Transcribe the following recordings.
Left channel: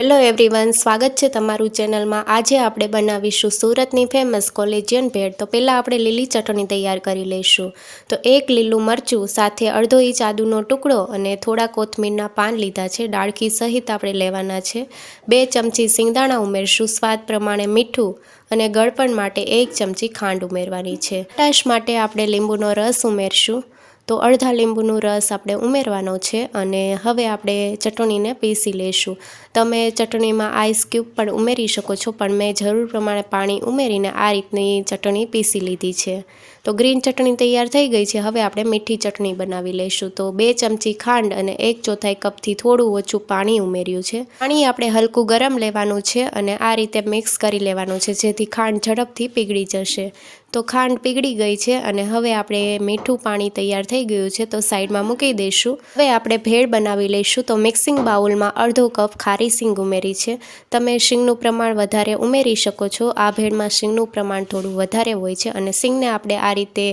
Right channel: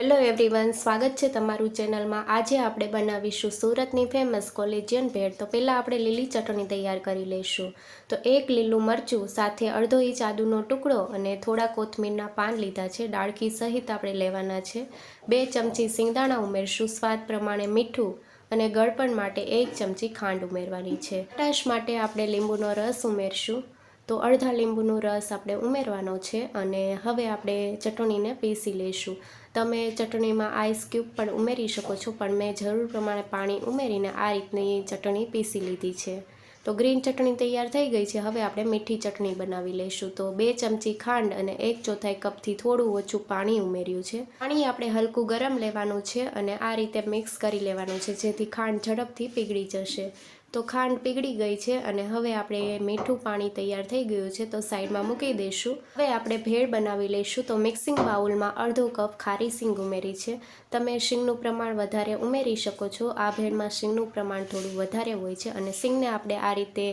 Hello everyone, સ્વાગત છે તમારું ચેનલમાં। આજે આપણે બનાવીશું સુરતની ફેમસ કોલેજિયન ભેળ। તો પહેલાં આપણે લીલી ચટણી તૈયાર કરી લઈશું। તો એક લીલું મરચું, સાથે અડધો ઇંચ આદુનો ટુકડો અને થોડા કોથમીરના પાન લીધા છે, ડાળખી સહિત આપણે લેવાના છે। 2 ચમચી સિંગદાણા ઉમેરશું, સ્વાદ પ્રમાણે મીઠું અને ગળપણ માટે 1 ચમચી ખાંડ ઉમેરવાની છે। ખટાશ માટે આપણે લીંબુનો રસ ઉમેરશું। તો અડધા લીંબુનો રસ આપણે ઉમેરવાનો છે અને હવે આપણે ચટણીને પીસી લઈશું। તમે ચટણીમાં આઈસ ક્યુબ પણ ઉમેરી શકો છો, પણ મેં જરૂર પ્રમાણે પાણી ઉમેરીને આ રીતની ચટણી પીસી લીધી છે। તો ગ્રીન ચટણી તૈયાર થઈ ગઈ છે। હવે આપણે મીઠી ચટણી બનાવી લઈશું। તો 2 ચમચી ખાંડ અને 1/4 કપથી થોડું ઓછું પાણી ઉમેર્યું છે। પાણી આપણે હલકું ગરમ લેવાનું છે અને આ રીતે મિક્સ કરી લેવાનું છે, જેથી ખાંડ ઝડપથી પીગળી જશે। તો ખાંડ પીગળી ગઈ છે અને હવે આપણે મીઠું પાણી તૈયાર થઈ ગયું છે, તો સાઈડમાં મૂકી દઈશું। હવે આપણે ભેળ બનાવી લઈશું। તો મિક્સિંગ બાઉલમાં અડધો કપ ખારી સિંગ ઉમેરી છે। તમે સિંગનું પ્રમાણ વધારે ઉમેરી શકો છો। આ ભેળમાં સિંગનું પ્રમાણ થોડું વધારે હોય છે અને સિંગને આપણે આ રીતે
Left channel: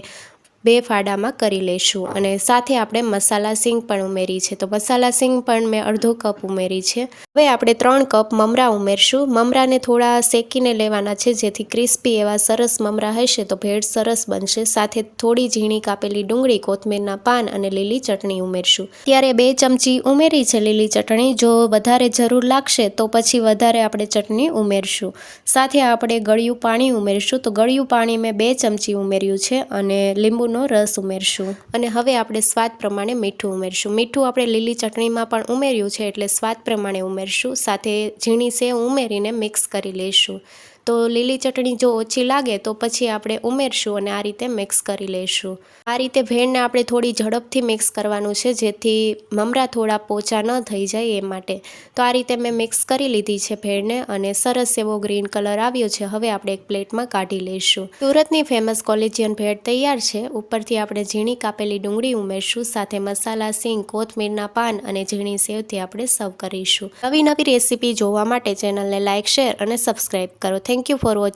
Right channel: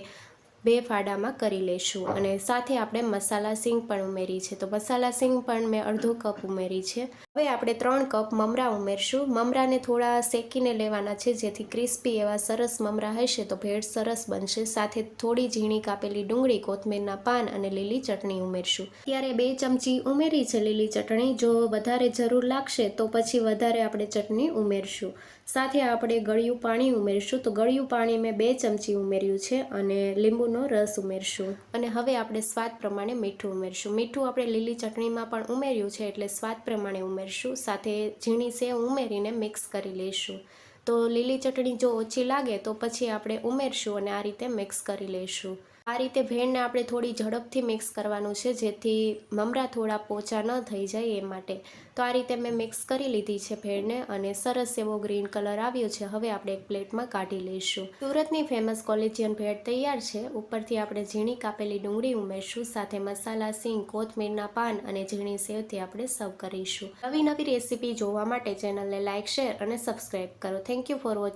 2 ફાડામાં કરી લઈશું અને સાથે આપણે મસાલા સિંગ પણ ઉમેરી છે। તો મસાલા સિંગ પણ મેં અડધો કપ ઉમેરી છે। હવે આપણે 3 કપ મમરા ઉમેરશું। મમરાને થોડા શેકીને લેવાના છે, જેથી ક્રિસ્પી એવા સરસ મમરા હશે તો ભેળ સરસ બનશે। સાથે થોડી ઝીણી કાપેલી ડુંગળી, કોથમીરના પાન અને લીલી ચટણી ઉમેરશું। ત્યારે 2 ચમચી ઉમેરી છે લીલી ચટણી। જો વધારે જરૂર લાગશે તો પછી વધારે આપણે ચટણી ઉમેરશું। સાથે આપણે ગળ્યું પાણી ઉમેરશું। તો ગળ્યું પાણી મેં 2 ચમચી ઉમેર્યું છે અને લીંબુનો રસ ઉમેરશું અને હવે આપણે સ્વાદ પ્રમાણે મીઠું ઉમેરશું। મીઠું આપણે લીલી ચટણીમાં પણ ઉમેર્યું છે, એટલે સ્વાદ પ્રમાણે ઉમેરશું। સાથે ઝીણી સેવ ઉમેરીને મિક્સ કરી લઈશું। તો લીલી ચટણી જો ઓછી લાગે તો પછી આપણે ઉમેરશું અને આ રીતે મિક્સ કરી લઈશું। આ રીતે ભેળને આપણે થોડી ઝડપથી મિક્સ કરવાનું છે, જેથી મમરા થોડા પોચા ન થઈ જાય એ માટે। તો આ રીતે મેં મિક્સ કરી લીધી છે ભેળને અને સરસ એવો ગ્રીન કલર આવ્યો છે। હવે આપણે એક પ્લેટમાં કાઢી લઈશું। સુરતની ફેમસ કોલેજિયન ભેળ તૈયાર છે। ઉપરથી આપણે ઝીણી કાપેલી ડુંગળી ઉમેરશું, સાથે મસાલા સિંગ, કોથમીરના પાન અને ઝીણી સેવથી આપણે સર્વ કરીશું। નવી રેસીપી જોવા માટે ચેનલને લાઇક, શેર અને સબસ્ક્રાઈબ કરો। Thank you for watching.